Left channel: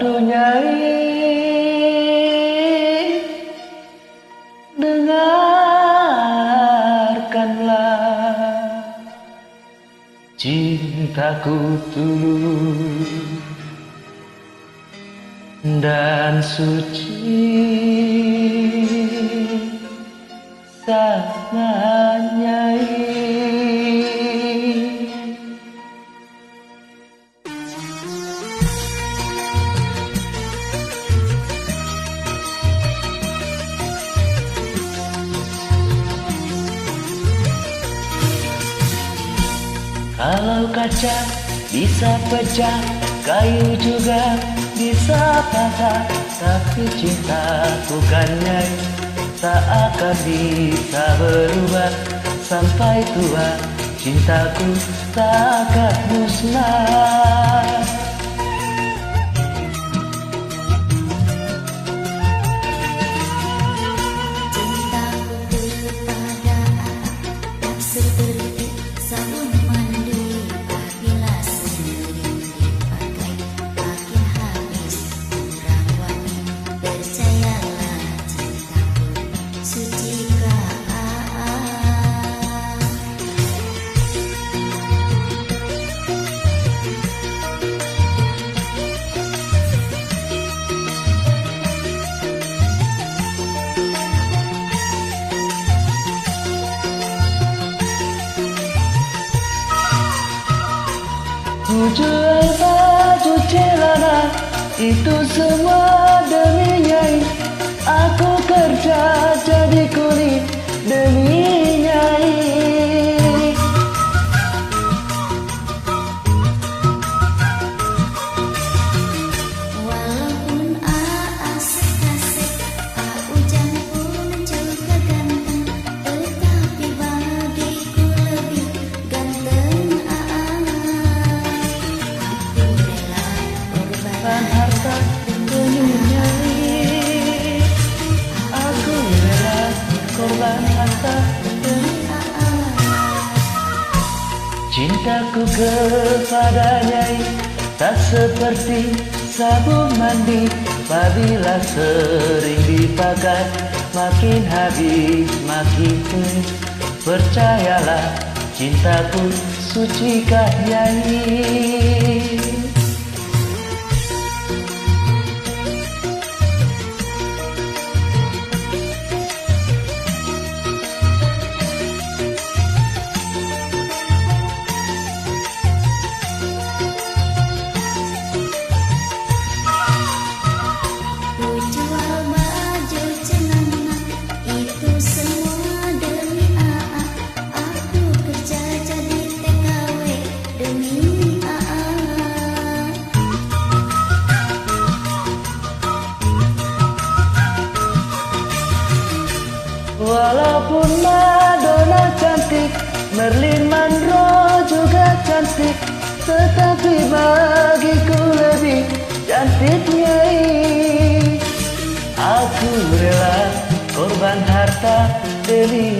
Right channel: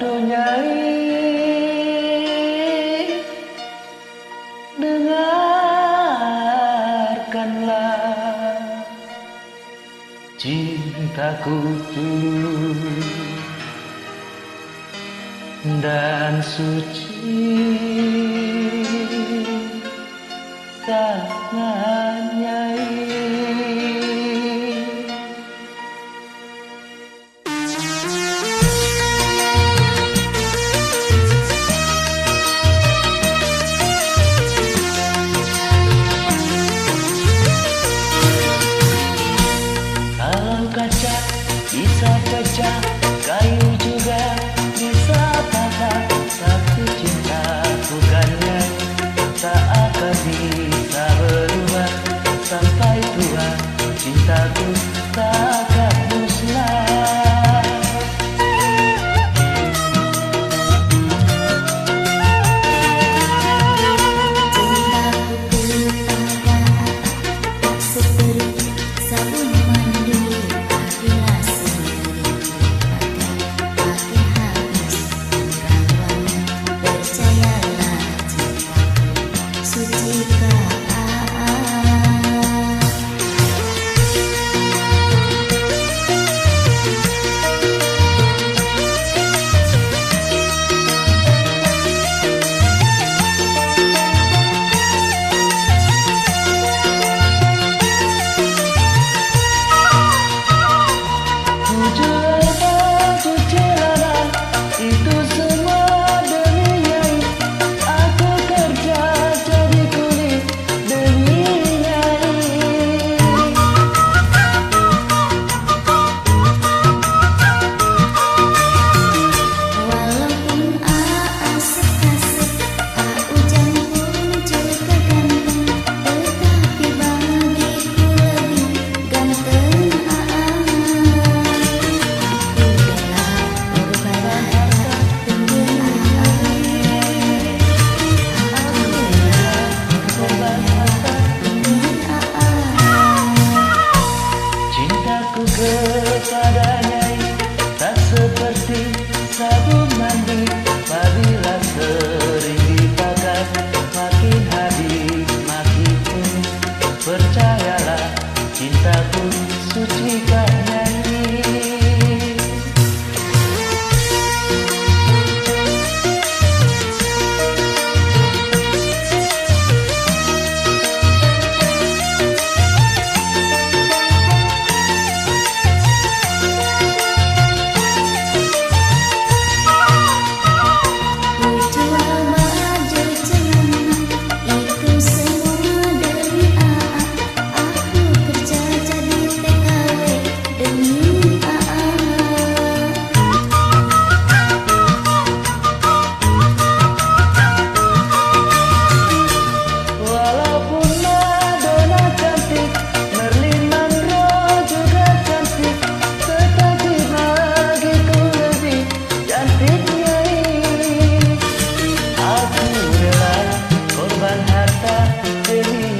Aduh Nyai, dengarkanlah cintaku tulus dan suci sama Nyai. Kalau kaca bisa pecah, kayu juga bisa patah, tapi cinta bukan Nyai, tak akan bisa berubah sampai tua. Cintaku tak akan musnah. Cintaku kepada tak seperti sabun mandi, apabila sering dipakai makin habis kurang wangi. Percayalah cintaku suci kah? Ku jual baju celana, itu semua demi Nyai. Aku kerja jadi kuli demi Nyai. Walaupun asik-asik, Ujang pun juga ganteng, tetapi bagiku lebih ganteng Aku rela korban harta demi Nyai. Aku rela korban harta demi cintaku kepada Nyai, tak seperti sabun mandi, apabila sering dipakai makin habis makin penuh. Percayalah cintaku suci kah Nyai. Ku jual baju celana, itu semua demi Aku kerja jadi TKW demi Walaupun Madonna cantik, Marilyn Monroe juga cantik, tetapi bagiku lebih cantik Nyai. Aku rela korban harta demi